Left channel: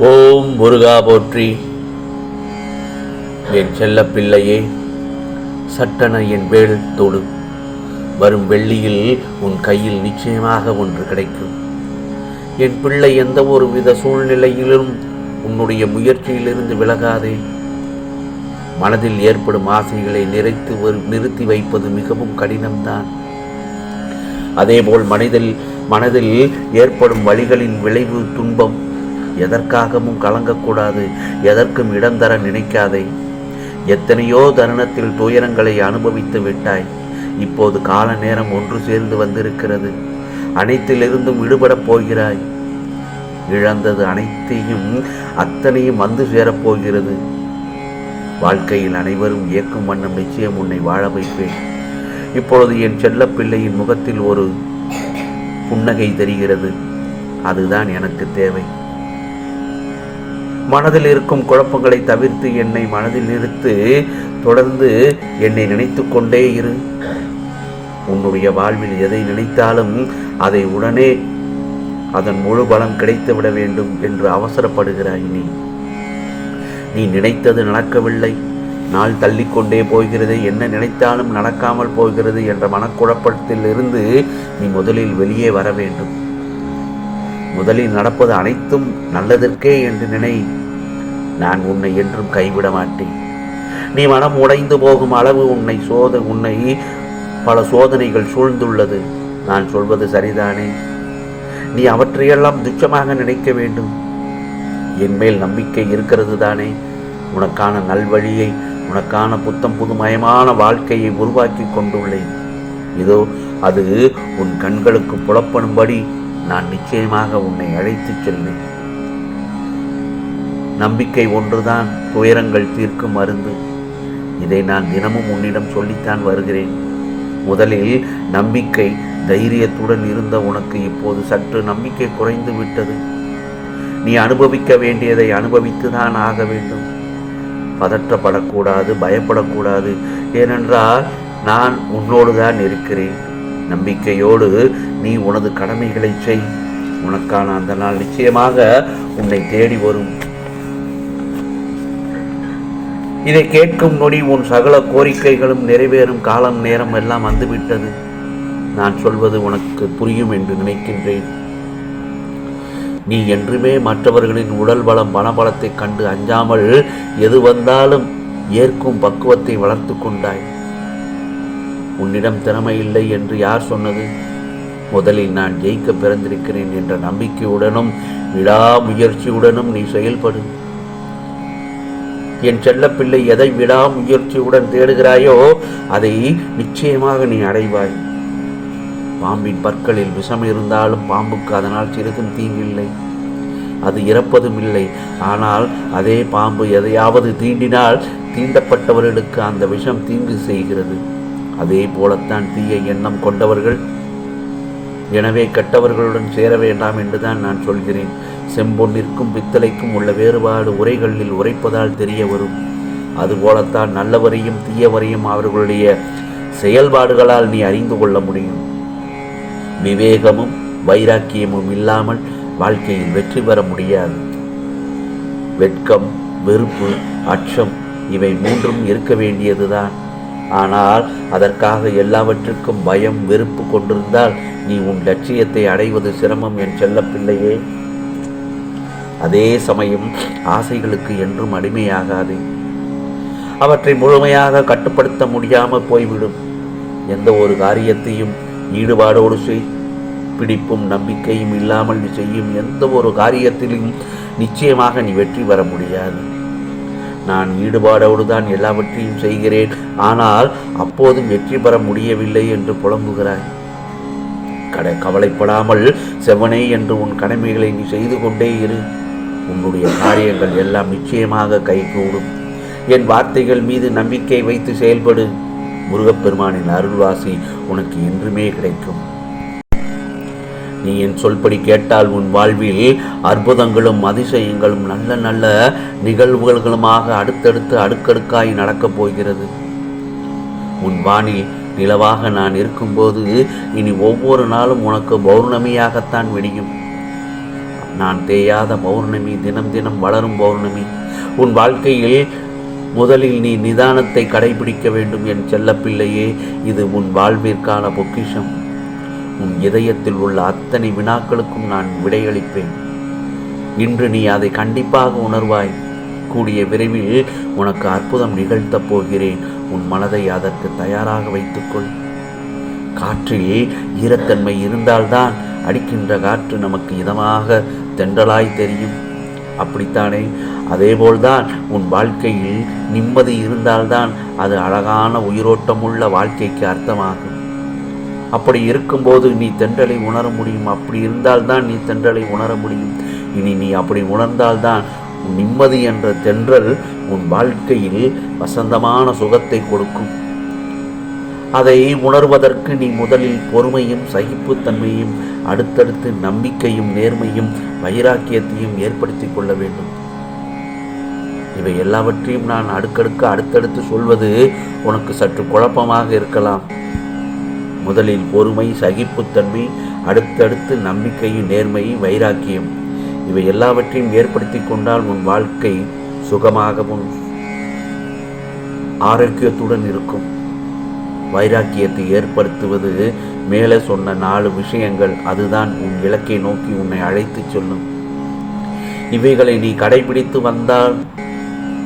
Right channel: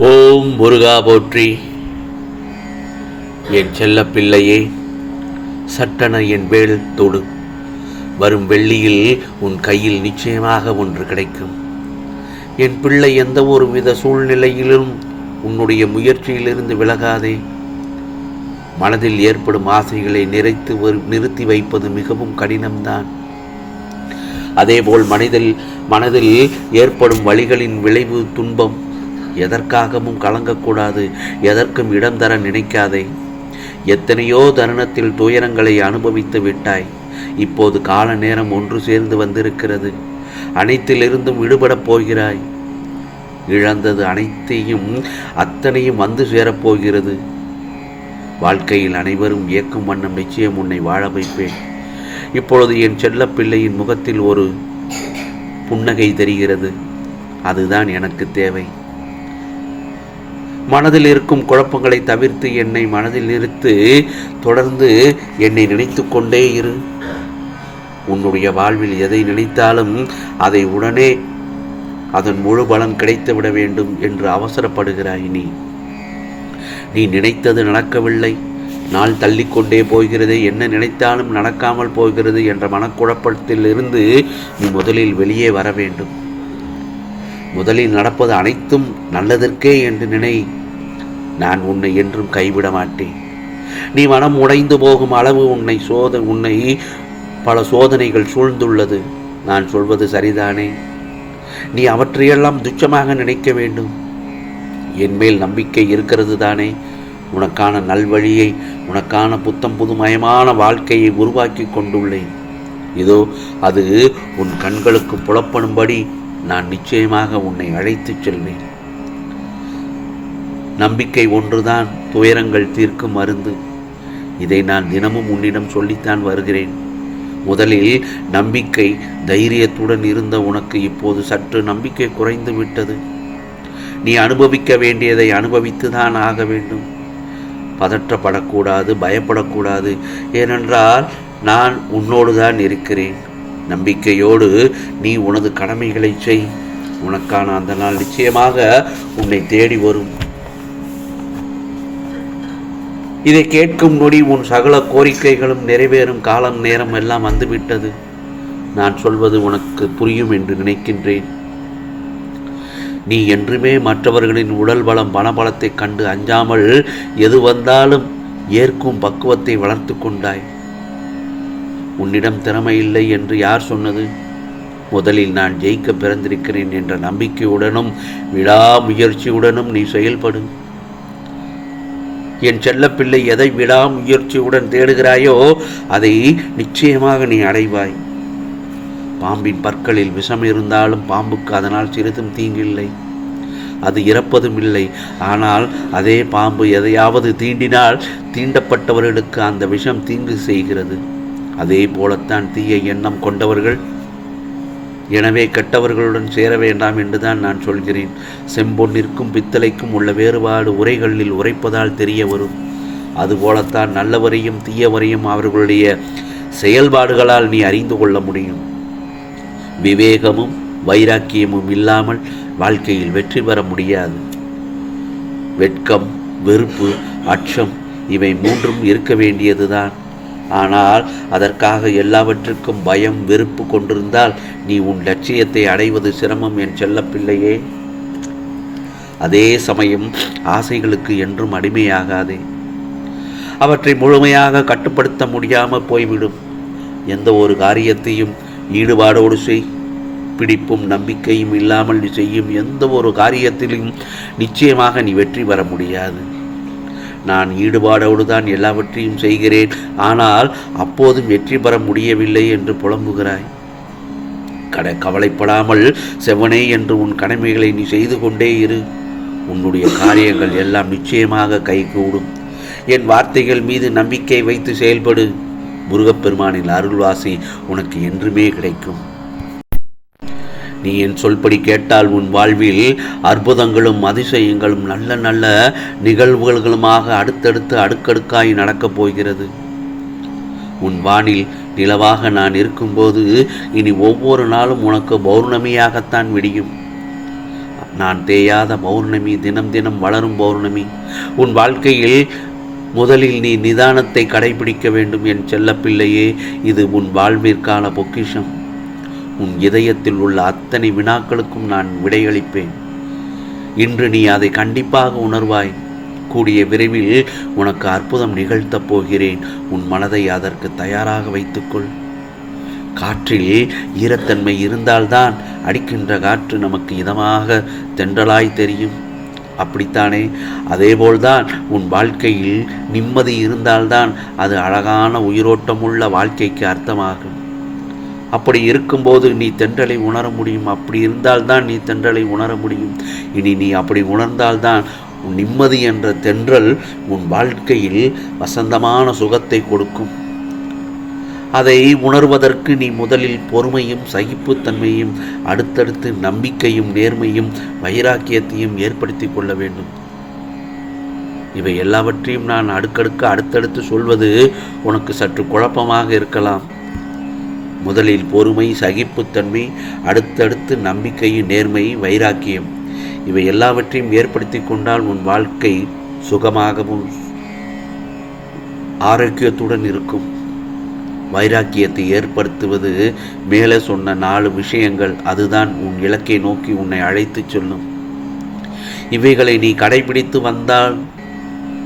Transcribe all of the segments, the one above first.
ஓம் முருகா போற்றி. என் செல்ல பிள்ளையே சட்டென என் வேல் தொடு. வரும் வெள்ளியில் உன் கையில் நிச்சயமாக ஒன்று கிடைக்கும். என் பிள்ளை எந்த ஒரு வித சூழ்நிலையிலும் உன்னுடைய முயற்சியிலிருந்து விலகாதே. மனதில் ஏற்படும் ஆசைகளை நிறைத்து வரு- நிறுத்தி வைப்பது மிகவும் கடினம்தான். அதேபோல் மனதில் மனதில் ஏற்படும் வழிகளின் விளைவு துன்பம். எதற்காகவும் கலங்கக்கூடாது எதற்கும் இடம் தர நினைக்காதே. எத்தனையோ தருணத்தில் துயரங்களை அனுபவித்து விட்டாய். இப்போது கால நேரம் ஒன்று சேர்ந்து வந்திருக்கிறது. அனைத்திலிருந்தும் விடுபடப் போகிறாய். இழந்தது அனைத்தையும் அத்தனையும் வந்து சேரப்போகிறது வாழ்க்கையில் அனைவரும் இயக்கும் வண்ணம் நிச்சயம் உன்னை வாழ வைப்பேன். இப்பொழுது என் செல்ல பிள்ளையின் முகத்தில் ஒரு புன்னகை தெரிகிறது. அதுதான் எனக்கு தேவை. மனதில் இருக்கும் குழப்பங்களை தவிர்த்து என்னை மனதில் நிறுத்து தொடர்ந்து என்னை நினைத்து கொண்டே இரு. உன்னுடைய வாழ்வில் எதை நினைத்தாலும் அதை உடனே அதன் முழு பலன் கிடைத்துவிட வேண்டும் என்று அவசரப்படுகிறாய் நீ. நீ நினைத்தது நடக்கவில்லை. நாள் தள்ளிக்கொண்டே போகிறது. என்ன நினைத்தாலும் நடக்காமல் போகிறது என்ற மனக்குழப்பத்தில் இருந்து நீ முதலில் வெளியே வர வேண்டும். முதலில் நடப்பது அனைத்தும் நல்லதற்கே என்று நினை. நான் உன்னை என்றும் கைவிட மாட்டேன். நீ மனம் உடைந்து போகும் அளவு உன்னை சோத உன்னை பல சோதனைகள் சூழ்ந்துள்ளது. நான் சொல்வது சரிதானே? நீ அவற்றையெல்லாம் துச்சமாக நினைக்க வேண்டும். என் மேல் நம்பிக்கை இருக்கிறது தானே? உனக்கான நல்வழியை உனக்கான புத்தம் புதுமயமான வாழ்க்கையை உருவாக்கி கொண்டுள்ளேன். இதோ அது உன் கண்களுக்கு புலப்படும்படி நான் நிச்சயமாக உன்னை அழைத்துச் செல்வேன். நம்பிக்கை ஒன்றுதான் துயரங்கள் தீர்க்கும் மருந்து. இதை நான் தினமும் உன்னிடம் சொல்லித்தான் வருகிறேன். முதலில் நம்பிக்கை தைரியத்துடன் இருந்த உனக்கு இப்போது சற்று நம்பிக்கை குறைந்து விட்டது. நீ அனுபவிக்க வேண்டியதை அனுபவித்துதான் ஆக வேண்டும். பதற்றப்படக்கூடாது பயப்படக்கூடாது. ஏனென்றால் நான் உன்னோடு தான் இருக்கிறேன். நம்பிக்கையோடு நீ உனது கடமைகளை செய். உனக்கான அந்த நாள் நிச்சயமாக உன்னை தேடி வரும். இதை கேட்கும் நொடி உன் சகல கோரிக்கைகளும் நிறைவேறும் காலம் நேரம் எல்லாம் வந்துவிட்டது. நான் சொல்வது உனக்கு புரியும் என்று நினைக்கின்றேன். நீ என்றுமே மற்றவர்களின் உடல் பலம் பணபலத்தைக் கண்டு அஞ்சாமல் எது வந்தாலும் ஏற்கும் பக்குவத்தை வளர்த்து கொண்டாய். உன்னிடம் திறமை இல்லை என்று யார் சொன்னது? முதலில் நான் ஜெயிக்க பிறந்திருக்கிறேன் என்ற நம்பிக்கையுடனும் விடாமுயற்சியுடனும் நீ செயல்படு. என் செல்லப்பிள்ளை எதை விடாமுயற்சியுடன் தேடுகிறாயோ அதை நிச்சயமாக நீ அடைவாய். பாம்பின் பற்களில் விஷம் இருந்தாலும் பாம்புக்கு அதனால் சிறிதும் தீங்கில்லை. அது இறப்பதும் இல்லை. ஆனால் அதே பாம்பு எதையாவது தீண்டினால் தீண்டப்பட்டவர்களுக்கு அந்த விஷம் தீங்கு செய்கிறது. அதே போலத்தான் தீய எண்ணம் கொண்டவர்கள் எனவே கெட்டவர்களுடன் சேர வேண்டாம் என்றுதான் நான் சொல்கிறேன். செம்பொன்னிற்கும் பித்தளைக்கும் உள்ள வேறுபாடு உரைகளில் உரைப்பதால் தெரிய வரும். அதுபோலத்தான் நல்லவரையும் தீயவரையும் அவர்களுடைய செயல்பாடுகளால் நீ அறிந்து கொள்ள முடியும். விவேகமும் வைராக்கியமும் இல்லாமல் வாழ்க்கையில் வெற்றி பெற முடியாது. வெட்கம் வெறுப்பு அச்சம் இவை மூன்றும் இருக்க வேண்டியதுதான். ஆனால் அதற்காக எல்லாவற்றுக்கும் பயம் வெறுப்பு கொண்டிருந்தால் நீ உன் லட்சியத்தை அடைவது சிரமம் என் செல்லப்பிள்ளையே. அதே சமயம் ஆசைகளுக்கு என்றும் அடிமையாகாதே. அவற்றை முழுமையாக கட்டுப்படுத்த முடியாமல் போய்விடும். எந்த ஒரு காரியத்தையும் ஈடுபாடோடு செய். பிடிப்பும் நம்பிக்கையும் இல்லாமல் நீ செய்யும் எந்த ஒரு காரியத்திலும் நிச்சயமாக நீ வெற்றி பெற முடியாது. நான் ஈடுபாடோடு தான் எல்லாவற்றையும் செய்கிறேன். ஆனால் அப்போதும் வெற்றி பெற முடியவில்லை என்று புலம்புகிறாய். கட கவலைப்படாமல் செவனே என்று உன் கடமைகளை நீ செய்து கொண்டே இரு. உன்னுடைய காரியங்கள் எல்லாம் நிச்சயமாக கைகூடும். என் வார்த்தைகள் மீது நம்பிக்கை வைத்து செயல்படு. முருகப்பெருமானின் அருள்வாசி உனக்கு என்றுமே கிடைக்கும். நீ என் சொல்படி கேட்டால் உன் வாழ்வில் அற்புதங்களும் அதிசயங்களும் நல்ல நல்ல நிகழ்வுகளுமாக அடுத்தடுத்து அடுக்கடுக்காய் நடக்கப் போகிறது. உன் வானில் நிலவாக நான் இருக்கும்போது இனி ஒவ்வொரு நாளும் உனக்கு பௌர்ணமியாகத்தான் விடியும். நான் தேயாத பௌர்ணமி தினம் தினம் வளரும் பௌர்ணமி. உன் வாழ்க்கையில் முதலில் நீ நிதானத்தை கடைபிடிக்க வேண்டும் என் செல்லப்பிள்ளையே இது உன் வாழ்விற்கான பொக்கிஷம். உன் இதயத்தில் உள்ள அத்தனை வினாக்களுக்கும் நான் விடையளிப்பேன். இன்று நீ அதை கண்டிப்பாக உணர்வாய். கூடிய விரைவில் உனக்கு அற்புதம் நிகழ்த்தப் போகிறேன். உன் மனதை அதற்கு தயாராக வைத்துக்கொள். காற்றில் ஈரத்தன்மை இருந்தால்தான் அடிக்கின்ற காற்று நமக்கு இதமாக தென்றலாய் தெரியும். அப்படித்தானே? அதேபோல்தான் உன் வாழ்க்கையில் நிம்மதி இருந்தால்தான் அது அழகான உயிரோட்டமுள்ள வாழ்க்கைக்கு அர்த்தமாகும். அப்படி இருக்கும்போது நீ தென்றலை உணர முடியும். அப்படி இருந்தால்தான் நீ தென்றலை உணர முடியும். இனி நீ அப்படி உணர்ந்தால்தான் நிம்மதி என்ற தென்றல் உன் வாழ்க்கையில் வசந்தமான சுகத்தை கொடுக்கும். அதை உணர்வதற்கு நீ முதலில் பொறுமையும் சகிப்புத்தன்மையும் அடுத்தடுத்து நம்பிக்கையும் நேர்மையும் வைராக்கியத்தையும் ஏற்படுத்தி கொள்ள வேண்டும். இவை எல்லாவற்றையும் நான் அடுக்கடுக்க அடுத்தடுத்து சொல்வது உனக்கு சற்று குழப்பமாக இருக்கலாம். முதலில் பொறுமை சகிப்புத்தன்மை அடுத்தடுத்து நம்பிக்கையும் நேர்மையும் வைராக்கியம். இவை எல்லாவற்றையும் ஏற்படுத்தி கொண்டால் உன் வாழ்க்கை சுகமாகவும் ஆரோக்கியத்துடன் இருக்கும். வைராக்கியத்தை ஏற்படுத்துவது மேலே சொன்ன நாலு விஷயங்கள். அதுதான் உன் இலக்கை நோக்கி உன்னை அழைத்துச் செல்லும். இவைகளை நீ கடைபிடித்து வந்தால்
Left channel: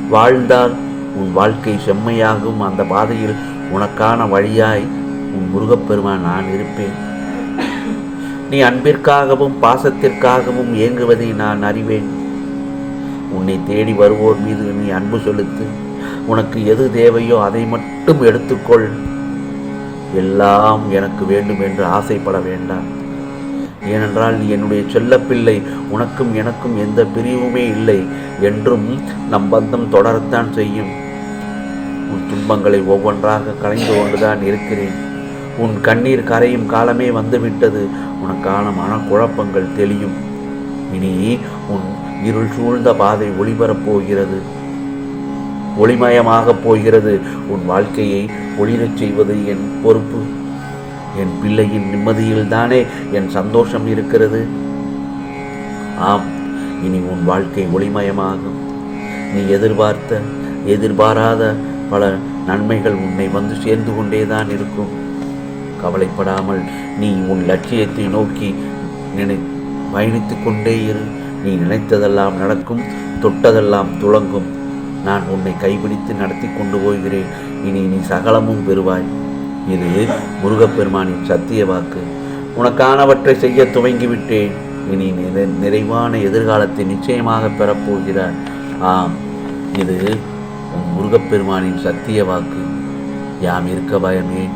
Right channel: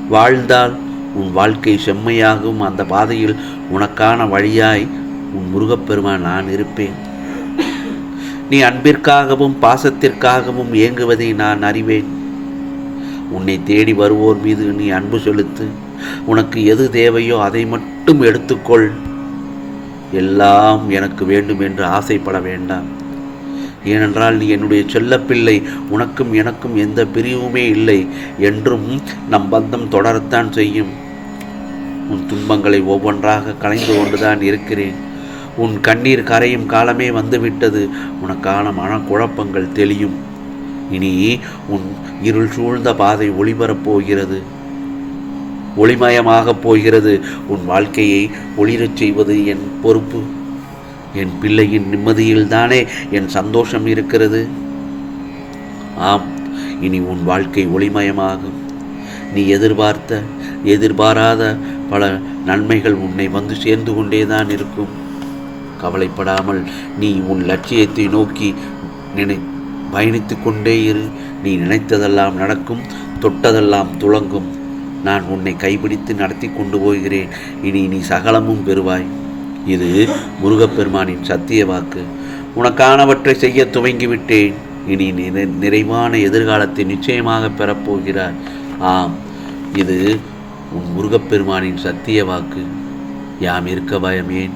வாழ்ந்தால் உன் வாழ்க்கை செம்மையாகும். அந்த பாதையில் உனக்கான வழியாய் முருகப்பெருமான் நான் இருப்பேன். நீ அன்பிற்காகவும் பாசத்திற்காகவும் இயங்குவதை நான் அறிவேன். உன்னை தேடி வருவோர் மீது நீ அன்பு செலுத்து. உனக்கு எது தேவையோ அதை மட்டும் எடுத்துக்கொள். எல்லாம் எனக்கு வேண்டும் என்று ஆசைப்பட வேண்டாம். ஏனென்றால் நீ என்னுடைய செல்லப்பிள்ளை. உனக்கும் எனக்கும் எந்த பிரிவுமே இல்லை. என்றும் நம் பந்தம் தொடரத்தான் செய்யும். உன் துன்பங்களை ஒவ்வொன்றாக கலைந்து கொண்டுதான் இருக்கிறேன். உன் கண்ணீர் கரையும் காலமே வந்துவிட்டது. உனக்கான மனக்குழப்பங்கள் தெளியும். இனி உன் இருள் சூழ்ந்த பாதை ஒளிபரப் போகிறது. ஒளிமயமாகப் போகிறது. உன் வாழ்க்கையை ஒளிரச் செய்வது என் பொறுப்பு. என் பிள்ளையின் நிம்மதியில்தானே என் சந்தோஷம் இருக்கிறது. ஆம் இனி உன் வாழ்க்கை ஒளிமயமாகும். நீ எதிர்பார்த்த எதிர்பாராத பல நன்மைகள் உன்னை வந்து சேர்ந்து கொண்டேதான் இருக்கும். கவலைப்படாமல் நீ உன் லட்சியத்தை நோக்கி நினை பயணித்து கொண்டே இரு. நீ நினைத்ததெல்லாம் நடக்கும் தொட்டதெல்லாம் துளங்கும். நான் உன்னை கைப்பிடித்து நடத்தி கொண்டு போகிறேன். இனி நீ சகலமும் பெறுவாய். இது முருகப்பெருமானின் சத்திய வாக்கு. உனக்கானவற்றை செய்ய துவங்கிவிட்டேன். இனி நிறைவான எதிர்காலத்தை நிச்சயமாக பெறப்போகிறார் ஆம் இது உன் முருகப்பெருமானின் சத்திய வாக்கு. யாம் இருக்க பயமேன்